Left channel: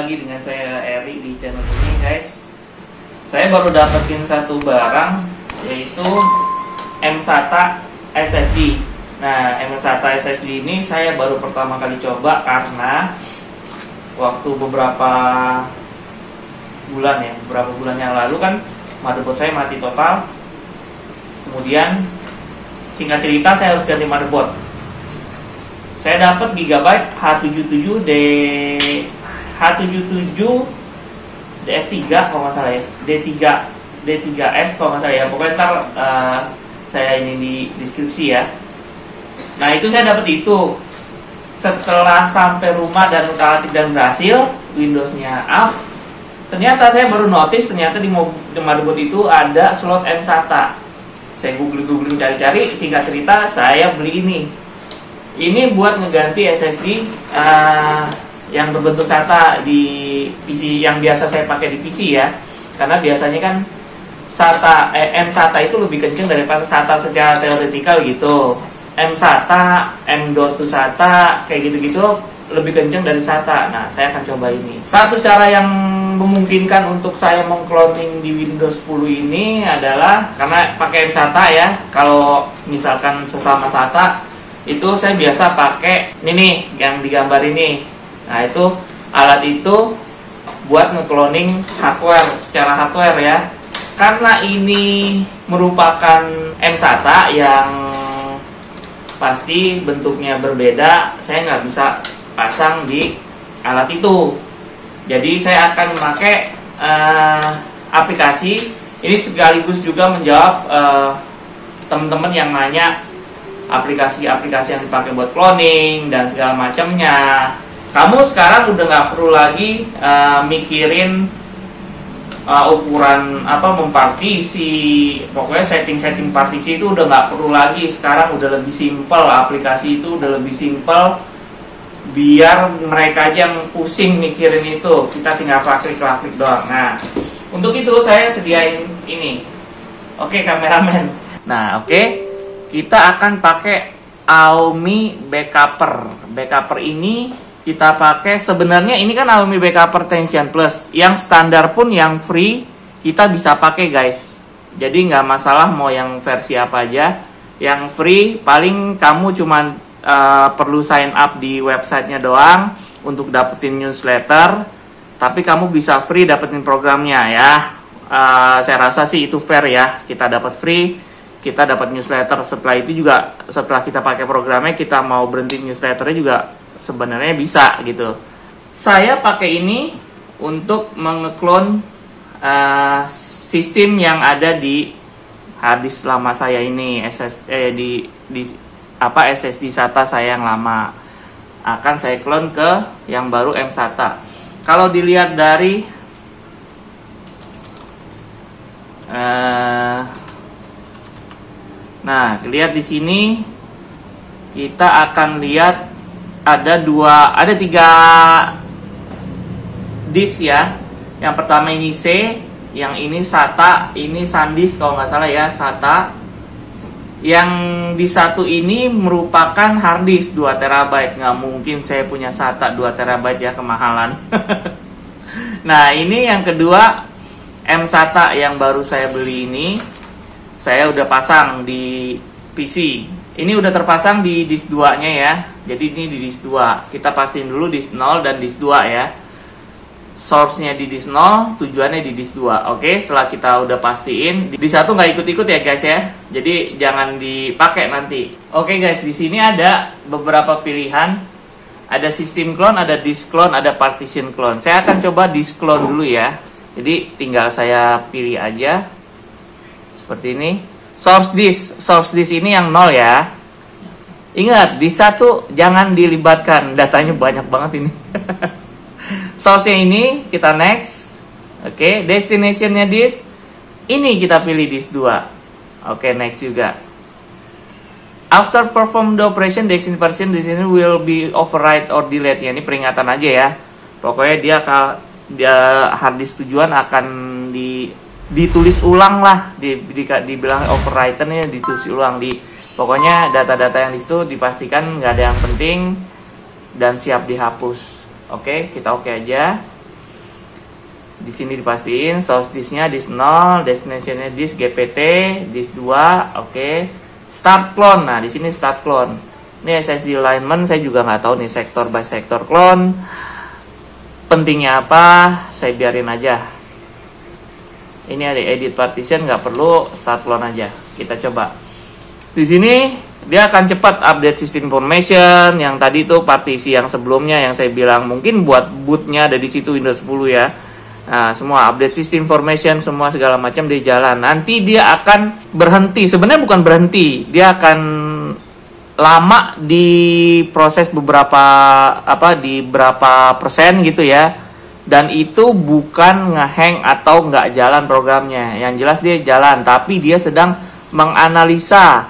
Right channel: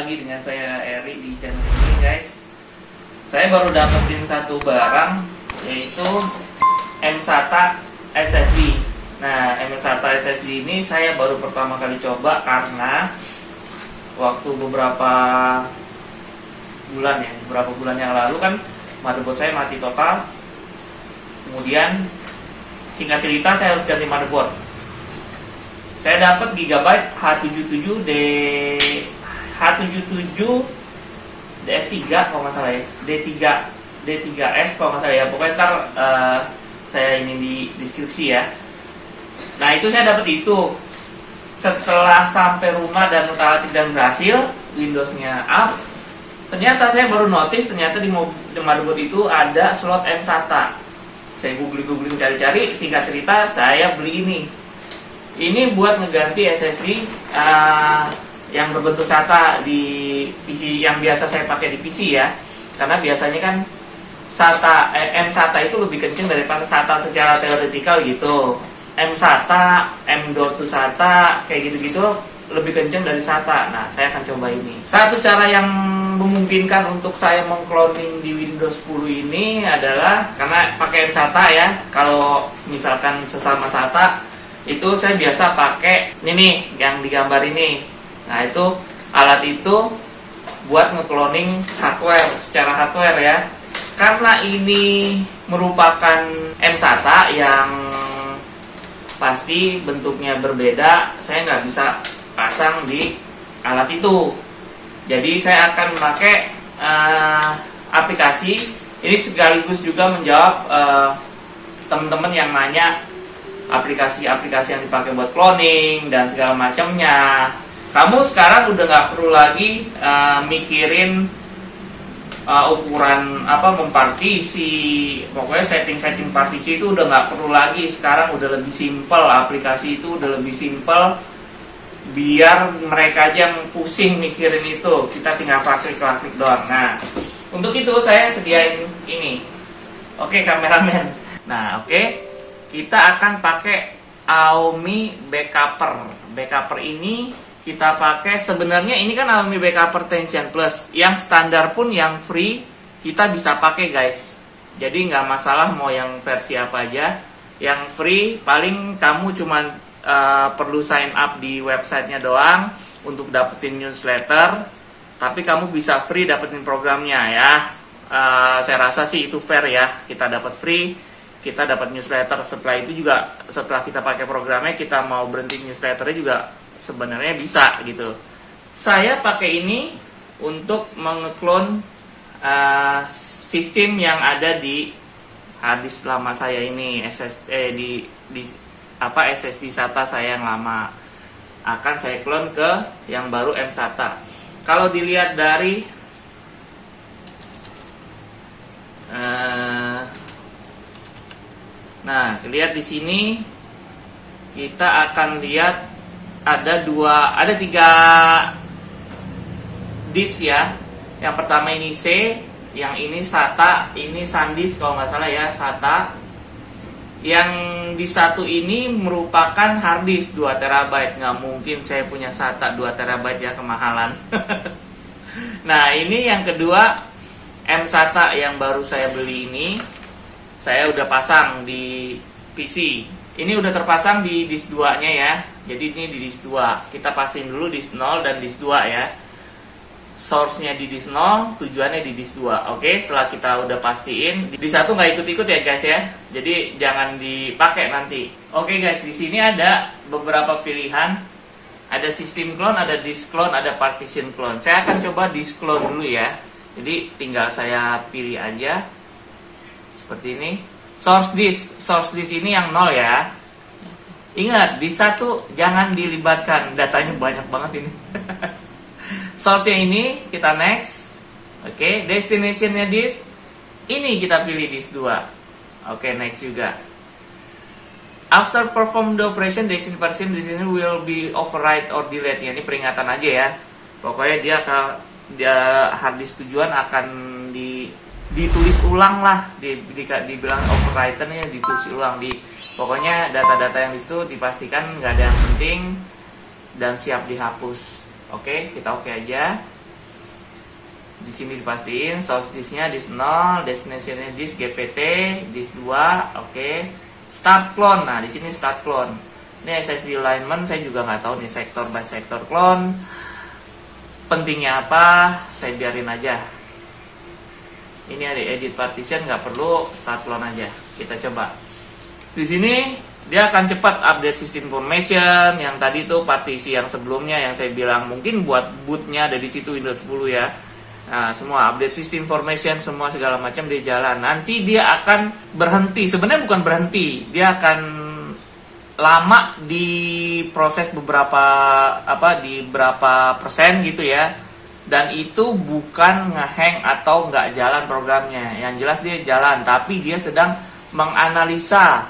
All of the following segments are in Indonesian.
lagi dengan saya Eri di channel ini guys. Saya baru dapetin satu barang, yaitu mSATA SSD. Nah, mSATA SSD ini saya baru pertama kali coba karena waktu beberapa bulan yang lalu kan motherboard saya mati total. Kemudian singkat cerita saya harus ganti motherboard. Saya dapat Gigabyte H77 DS3 kalau nggak salah ya, D3S kalau nggak salah ya. Pokoknya ntar saya ini di deskripsi ya. Nah itu saya dapat itu. Setelah sampai rumah dan utak-atik dan berhasil, Windowsnya up, ternyata saya baru notice ternyata di motherboard itu ada slot mSATA. Saya googling cari-cari, singkat cerita saya beli ini. Ini buat ngeganti SSD yang berbentuk SATA di PC yang biasa saya pakai di PC ya. Karena biasanya kan mSATA itu lebih kenceng daripada SATA secara teoretikal gitu. mSATA, M.2 SATA, kayak gitu-gitu lebih kenceng dari SATA. Nah, saya akan coba ini. Satu cara yang memungkinkan untuk saya mengcloning di Windows 10 ini adalah karena pakai mSATA ya. Kalau misalkan sesama SATA itu saya biasa pakai ini nih yang digambar ini. Nah, itu alat itu buat ngecloning hardware secara hardware ya. Karena ini merupakan mSATA yang pasti bentuknya berbeda, saya nggak bisa pasang di alat itu. Jadi saya akan memakai aplikasi ini sekaligus juga menjawab teman-teman yang nanya aplikasi-aplikasi yang dipakai buat cloning dan segala macamnya. Kamu sekarang udah nggak perlu lagi mikirin ukuran mempartisi, pokoknya setting partisi itu udah nggak perlu lagi. Sekarang udah lebih simpel, aplikasi itu udah lebih simpel, biar mereka aja yang pusing mikirin itu, kita tinggal klik doang. Nah, untuk itu saya sediain ini. Oke kameramen. Nah oke, kita akan pakai AOMI Backuper ini kita pakai. Sebenarnya ini kan AOMI Backuper Tension Plus, yang standar pun yang free kita bisa pakai guys. Jadi nggak masalah mau yang versi apa aja. Yang free paling kamu cuman perlu sign up di websitenya doang untuk dapetin newsletter. Tapi kamu bisa free dapetin programnya ya. Saya rasa sih itu fair ya. Kita dapat free, kita dapat newsletter. Setelah itu juga, setelah kita pakai programnya, kita mau berhenti newsletternya juga sebenarnya bisa gitu. Saya pakai ini untuk mengeklon sistem yang ada di harddisk lama saya ini, SSD SATA saya yang lama. Akan saya klon ke yang baru mSATA. Kalau dilihat dari nah, lihat di sini kita akan lihat ada tiga disk ya. Yang pertama ini C, yang ini SATA, ini SanDisk kalau nggak salah ya, SATA. Yang di satu ini merupakan harddisk 2 TB. Nggak mungkin saya punya SATA 2 TB ya, kemahalan. Nah ini yang kedua, mSATA yang baru saya beli ini, saya udah pasang di PC. Ini udah terpasang di disk 2 nya ya. Jadi ini di disk 2. Kita pastiin dulu disk 0 dan disk 2 ya. Source-nya di disk 0, tujuannya di disk 2. Oke, setelah kita udah pastiin, di satu nggak ikut-ikut ya guys ya. Jadi jangan dipakai nanti. Oke guys, di sini ada beberapa pilihan. Ada system clone, ada disk clone, ada partition clone. Saya akan coba disk clone dulu ya. Jadi tinggal saya pilih aja seperti ini. Source disk ini yang 0 ya. Ingat, di satu jangan dilibatkan, datanya banyak banget ini. Source-nya ini kita next. Oke, destination-nya disk ini kita pilih disk 2. Oke, next juga. After perform the operation, the destination will be override or delete. Ya, ini peringatan aja ya. Pokoknya dia harddisk tujuan akan ditulis ulang lah, dibilang overwrite-nya ditulis ulang. Pokoknya data-data yang di situ dipastikan nggak ada yang penting dan siap dihapus. Oke, kita oke aja. Di sini dipastiin source disknya disk 0, destinationnya disk GPT, disk 2, oke. Start clone. Nah, di sini start clone. Ini SSD alignment saya juga nggak tahu nih sektor by sektor clone. Pentingnya apa? Saya biarin aja. Ini ada edit partition, nggak perlu, start clone aja. Kita coba. Di sini dia akan cepat update system information. Yang tadi tuh partisi yang sebelumnya yang saya bilang mungkin buat bootnya ada di situ Windows 10 ya. Nah, semua update system information, semua segala macam dia jalan. Nanti dia akan berhenti. Sebenarnya bukan berhenti, dia akan lama di proses beberapa di berapa persen gitu ya. Dan itu bukan ngehang atau nggak jalan programnya. Yang jelas dia jalan, tapi dia sedang menganalisa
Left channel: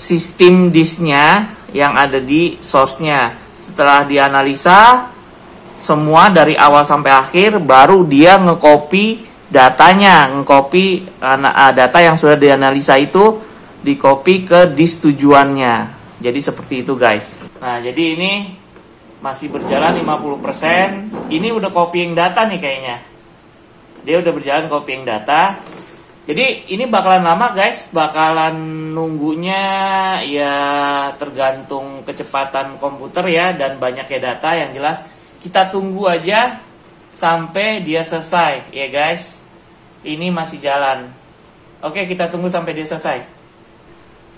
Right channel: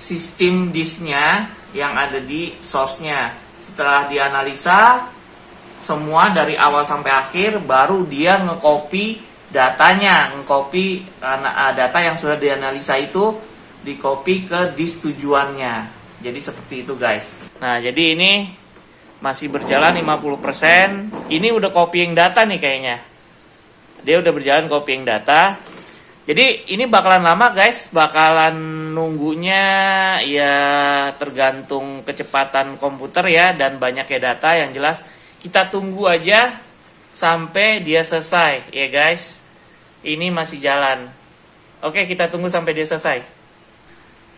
sistem disknya yang ada di source-nya. Setelah dianalisa semua dari awal sampai akhir, baru dia ngekopi datanya, ngekopi data yang sudah dianalisa itu dikopi ke disk tujuannya. Jadi seperti itu guys. Nah, jadi ini masih berjalan 50%. Ini udah copying data nih kayaknya. Dia udah berjalan copying data. Jadi ini bakalan lama guys, bakalan nunggunya ya tergantung kecepatan komputer ya dan banyaknya data. Yang jelas kita tunggu aja sampai dia selesai ya guys. Ini masih jalan. Oke, kita tunggu sampai dia selesai.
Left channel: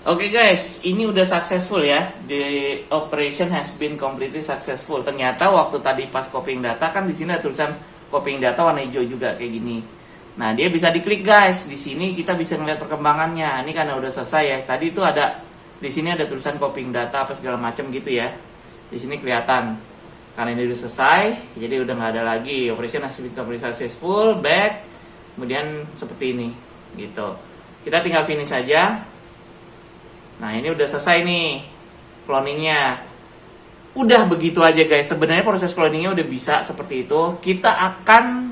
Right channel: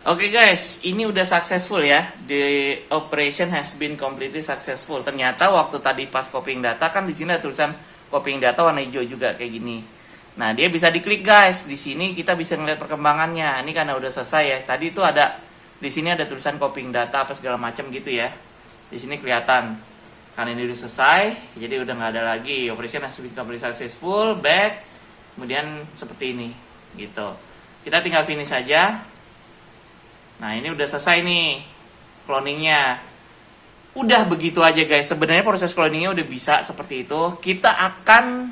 Oke guys, ini udah successful ya. The operation has been completely successful. Ternyata waktu tadi pas copying data kan di sini ada tulisan copying data warna hijau juga kayak gini. Nah, dia bisa diklik guys. Di sini kita bisa ngeliat perkembangannya. Ini karena udah selesai ya. Tadi itu ada di sini ada tulisan copying data apa segala macam gitu ya. Di sini kelihatan. Karena ini udah selesai, jadi udah nggak ada lagi. Operation has been completely successful, back. Kemudian seperti ini, gitu. Kita tinggal finish aja. Nah, ini udah selesai nih cloningnya. Udah begitu aja guys. Sebenarnya proses cloningnya udah bisa seperti itu. Kita akan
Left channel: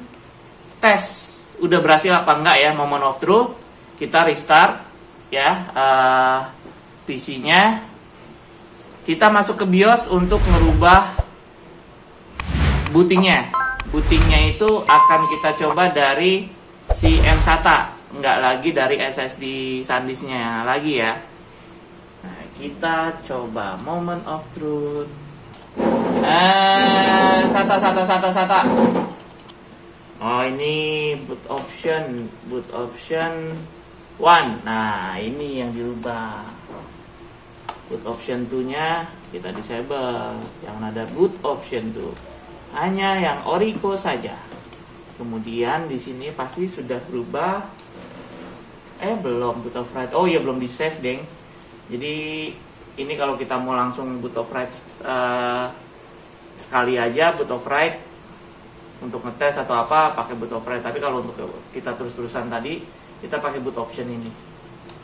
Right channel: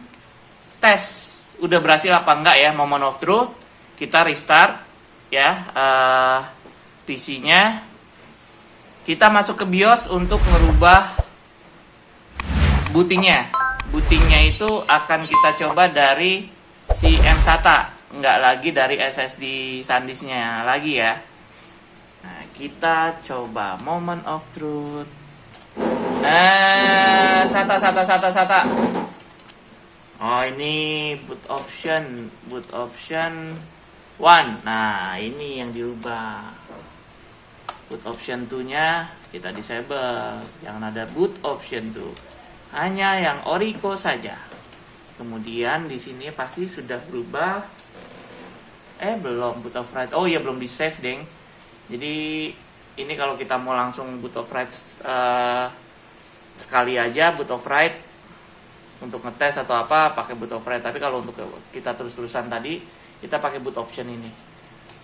tes udah berhasil apa enggak ya, moment of truth. Kita restart ya PC-nya. Kita masuk ke BIOS untuk merubah bootingnya. Bootingnya itu akan kita coba dari si mSATA, nggak lagi dari SSD SanDisknya lagi ya. Nah, kita coba moment of truth. SATA. Oh, ini boot option 1. Nah, ini yang dirubah. Boot option 2-nya kita disable. Jangan ada boot option 2. Hanya yang Orico saja. Kemudian di sini pasti sudah berubah. Belum boot of right. Oh iya, belum di save deng. Jadi ini kalau kita mau langsung boot of right sekali aja boot of right untuk ngetes atau apa pakai boot of right. Tapi kalau untuk kita terus-terusan tadi kita pakai boot option ini.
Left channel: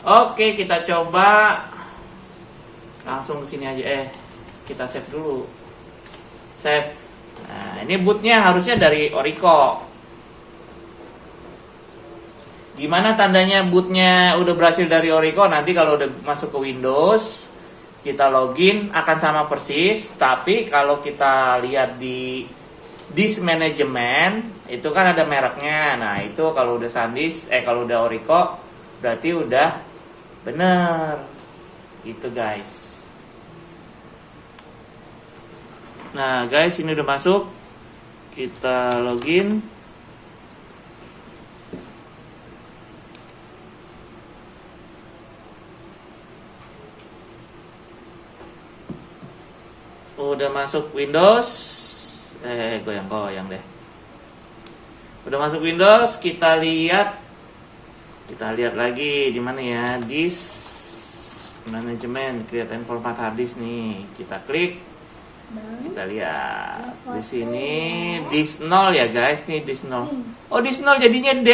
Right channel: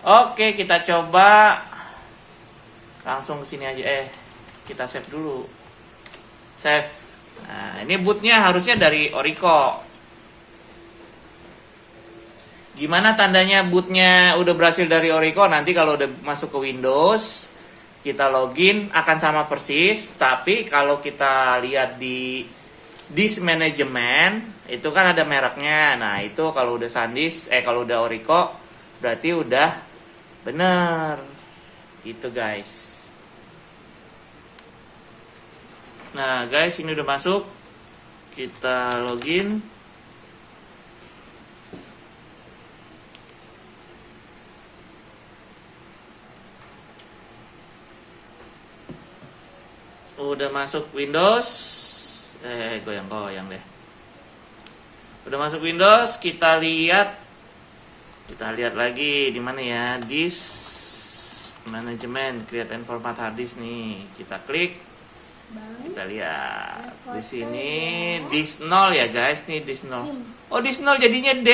Oke, kita coba langsung ke sini aja. Kita save dulu. Save. Nah, ini bootnya harusnya dari Orico. Gimana tandanya bootnya udah berhasil dari Orico? Nanti kalau udah masuk ke Windows, kita login akan sama persis. Tapi kalau kita lihat di disk management, itu kan ada mereknya. Nah, itu kalau udah SanDisk, kalau udah Orico, berarti udah bener. Gitu guys. Nah guys, ini udah masuk. Kita login. Udah masuk Windows. Goyang-goyang deh. Udah masuk Windows, kita lihat lagi di mana ya? Disk Management, create and format hard disk nih. Kita klik. Kita lihat di sini disk 0 ya guys, nih disk 0. Oh, disk 0 jadinya D.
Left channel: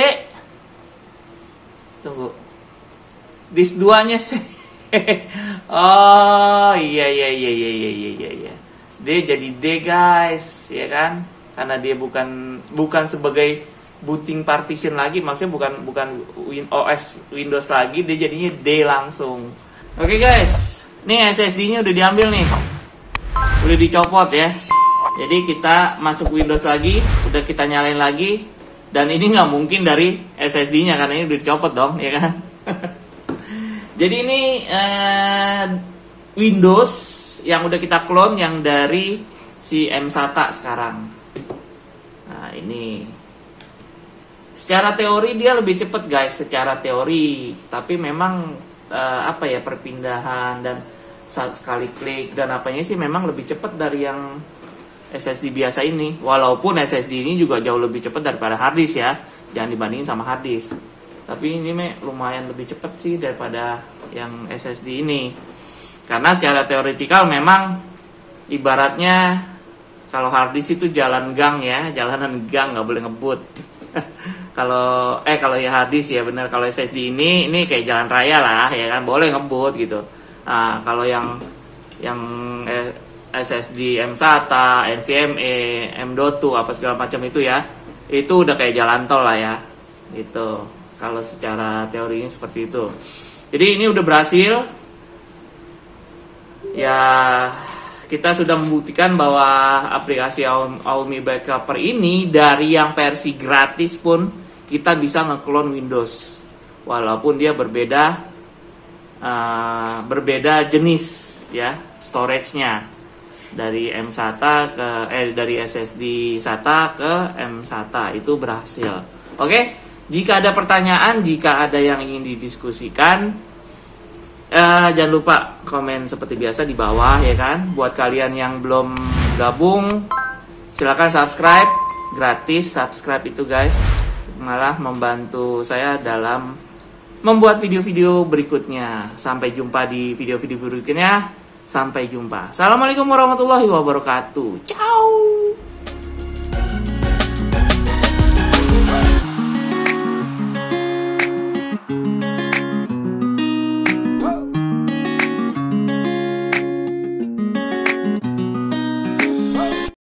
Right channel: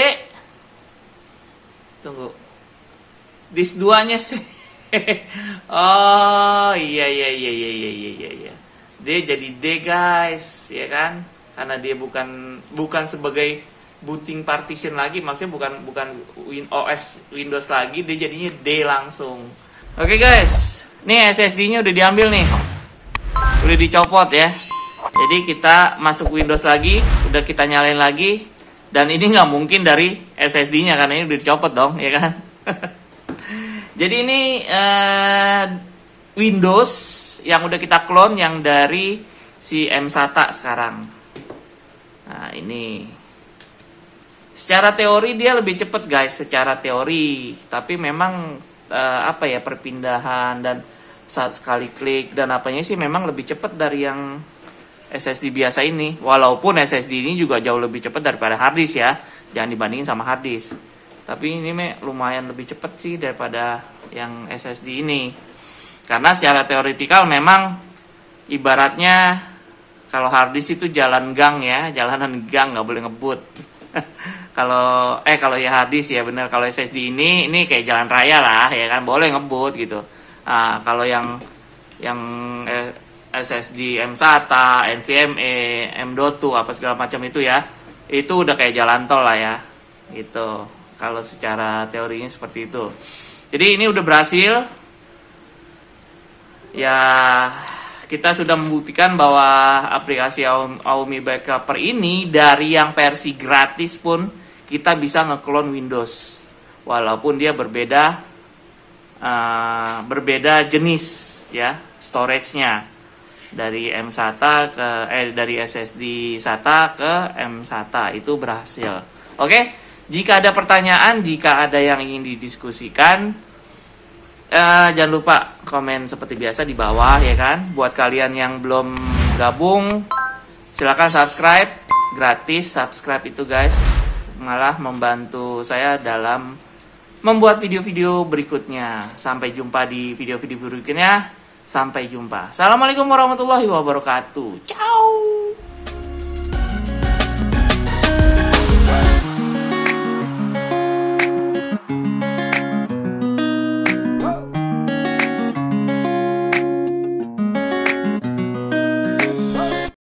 Tunggu. Disk 2-nya sih. Oh, iya. Dia jadi D guys, ya kan? Karena dia bukan sebagai booting partition lagi, maksudnya bukan OS Windows lagi, dia jadinya D langsung. Oke guys, nih SSD-nya udah diambil nih. Udah dicopot ya. Jadi kita masuk Windows lagi, udah kita nyalain lagi Dan ini nggak mungkin dari SSD-nya karena ini udah dicopot dong, ya kan? Jadi ini Windows yang udah kita clone yang dari si mSATA sekarang. Nah ini secara teori dia lebih cepat guys, secara teori. Tapi memang perpindahan dan saat sekali klik dan apanya sih memang lebih cepat dari yang SSD biasa ini. Walaupun SSD ini juga jauh lebih cepat daripada hard disk ya, jangan dibandingin sama hard disk. Tapi ini lumayan lebih cepat sih daripada yang SSD ini. Karena secara teoretikal memang ibaratnya kalau hard disk itu jalan gang ya, jalanan gang, nggak boleh ngebut. kalau ya hard disk ya benar. Kalau SSD ini kayak jalan raya lah ya kan, boleh ngebut gitu. Nah, kalau yang SSD mSATA, NVMe, M.2 apa segala macam itu ya, itu udah kayak jalan tol lah ya, gitu. Kalau secara teorinya seperti itu. Jadi ini udah berhasil. Ya, kita sudah membuktikan bahwa aplikasi Aumi Backuper ini dari yang versi gratis pun kita bisa nge-clone Windows, walaupun dia berbeda jenis ya storage-nya. Dari mSATA dari SSD SATA ke mSATA itu berhasil. Oke, jika ada pertanyaan, jika ada yang ingin didiskusikan, jangan lupa komen seperti biasa di bawah ya kan. Buat kalian yang belum gabung, silakan subscribe, gratis subscribe itu guys, malah membantu saya dalam membuat video-video berikutnya. Sampai jumpa di video-video berikutnya. Sampai jumpa. Assalamualaikum warahmatullahi wabarakatuh. Ciao.